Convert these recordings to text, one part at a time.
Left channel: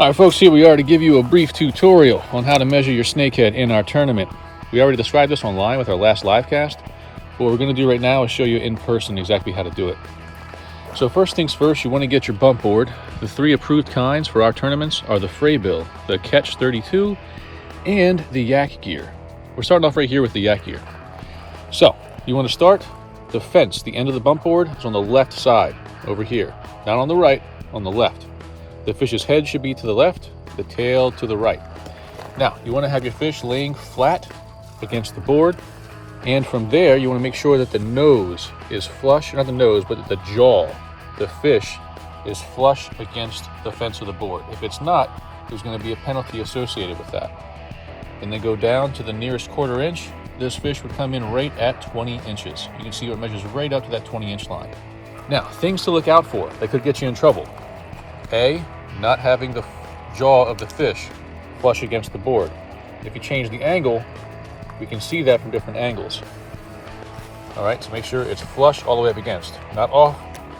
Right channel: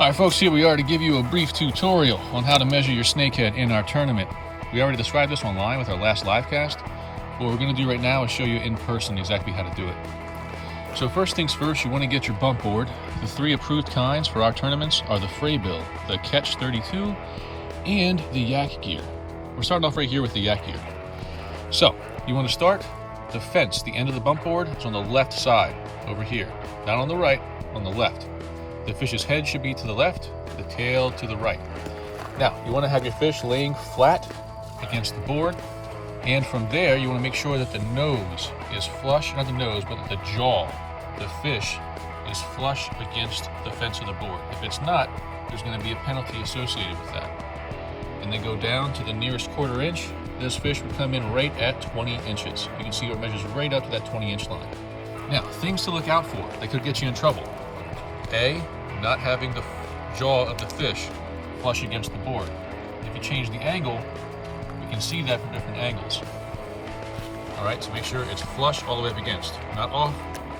Alright folks, here we are to give you a brief tutorial on how to measure your snakehead in our tournament. We already described this online with our last live cast. What we're going to do right now is show you in person exactly how to do it. So first things first, you want to get your bump board. The three approved kinds for our tournaments are the Freybill, the Catch 32, and the Yak gear. We're starting off right here with the Yak gear. So you want to start the fence. The end of the bump board is on the left side, over here. Not on the right, on the left. The fish's head should be to the left, the tail to the right. Now, you want to have your fish laying flat against the board, and from there, you want to make sure that the nose is flush, not the nose, but the jaw, the fish, is flush against the fence of the board. If it's not, there's going to be a penalty associated with that. And then go down to the nearest quarter inch. This fish would come in right at 20 inches. You can see it measures right up to that 20-inch line. Now, things to look out for that could get you in trouble. A, not having the jaw of the fish flush against the board. If you change the angle, we can see that from different angles. All right, so make sure it's flush all the way up against, not off,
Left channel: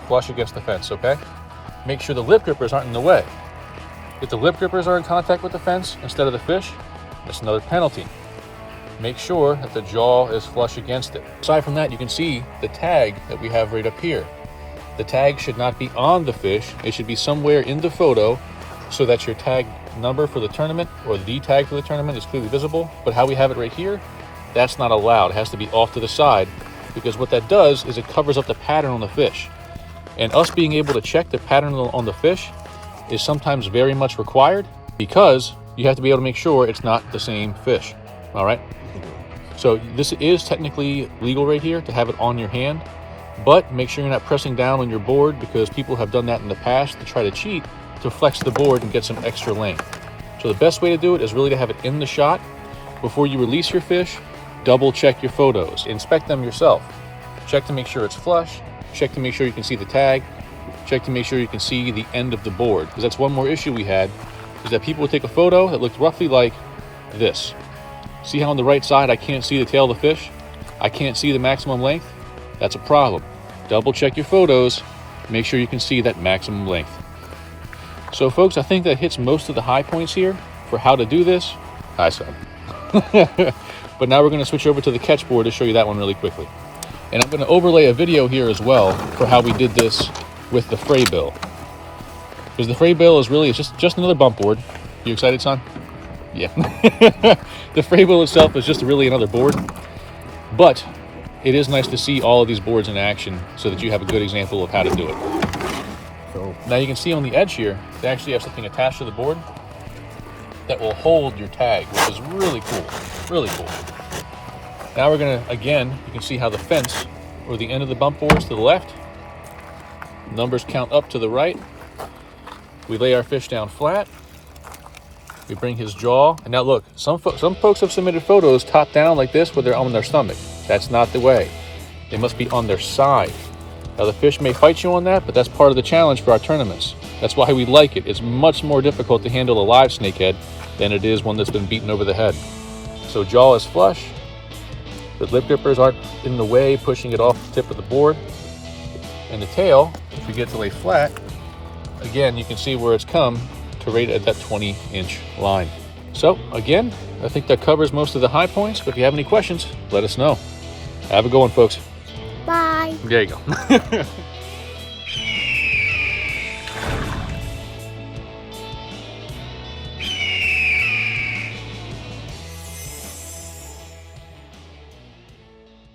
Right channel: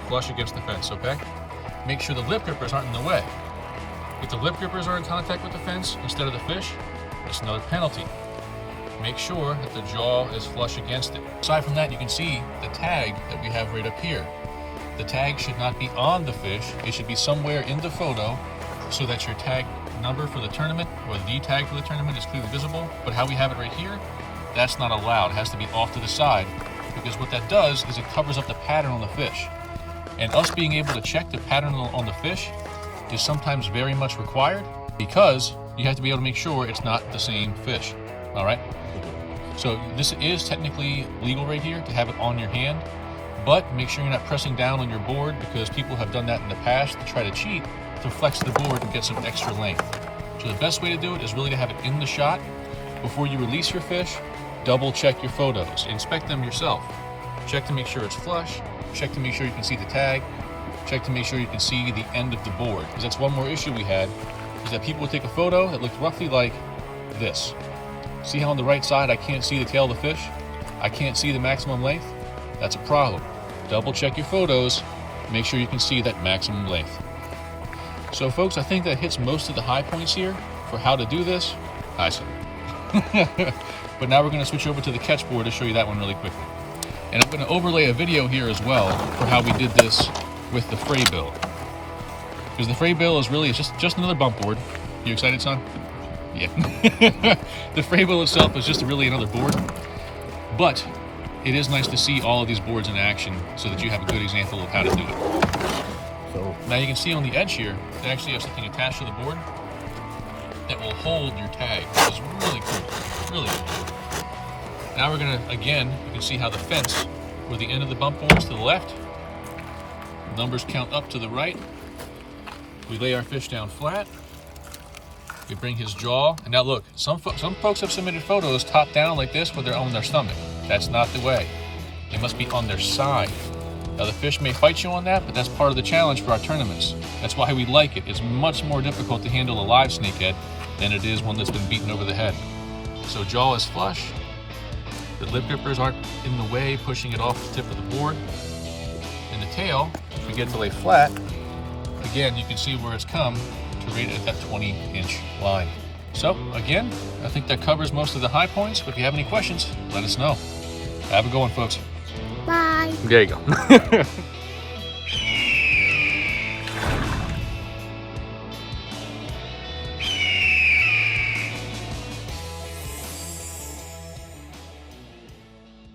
flush against the fence, okay? Make sure the lip grippers aren't in the way. If the lip grippers are in contact with the fence instead of the fish, that's another penalty. Make sure that the jaw is flush against it. Aside from that, you can see the tag that we have right up here. The tag should not be on the fish. It should be somewhere in the photo so that your tag number for the tournament or the tag for the tournament is clearly visible. But how we have it right here, that's not allowed. It has to be off to the side, because what that does is it covers up the pattern on the fish. And us being able to check the pattern on the fish is sometimes very much required, because you have to be able to make sure it's not the same fish. All right? So this is technically legal right here to have it on your hand. But make sure you're not pressing down on your board, because people have done that in the past to try to cheat, to flex the board and get some extra length. So the best way to do it is really to have it in the shot. Before you release your fish, double check your photos. Inspect them yourself. Check to make sure it's flush. Check to make sure you can see the tag. Check to make sure you can see the end of the board. Because that's one more issue we had, is that people would take a photo that looked roughly like this. See how on the right side I can't see the tail of the fish? I can't see the maximum length? That's a problem. Double check your photos. Make sure you can see that maximum length. So folks, I think that hits most of the high points here for how to do this. Hi, son. But now we're going to switch over to the catch board to show you that one really quickly. And I'm going to overlay a video here as well for how we did this with the Freybill. Because the Freybill is really just another bump board. You excited, son? Yeah. The Freybill itself is just really another board. But it is nice to see all of these boards in action so that you have a good example of how to do it. So now you can see on the edge here, they actually have something attached to the board that will hold your tag, which is really cool, really cool. Now we're gonna, again, you can see how the fence, or the end of the bump board is to the left, numbers count up to the right. We lay our fish down flat. We bring his jaw, and now look, some folks have submitted photos top down like this where they're on their stomach. That's not the way. They must be on their side. Now the fish may fight you on that, but that's part of the challenge for our tournaments. That's why we like it. It's much more difficult to handle a live snakehead than it is one that's been beaten over the head. So jaw is flush. The lip grippers aren't in the way, pushing it off the tip of the board. And the tail, if you get to lay flat, again, you can see where it's come to right at that 20-inch line. So again, I think that covers most of the high points, but if you have any questions, let us know. Have a good one, folks. Bye. There you go.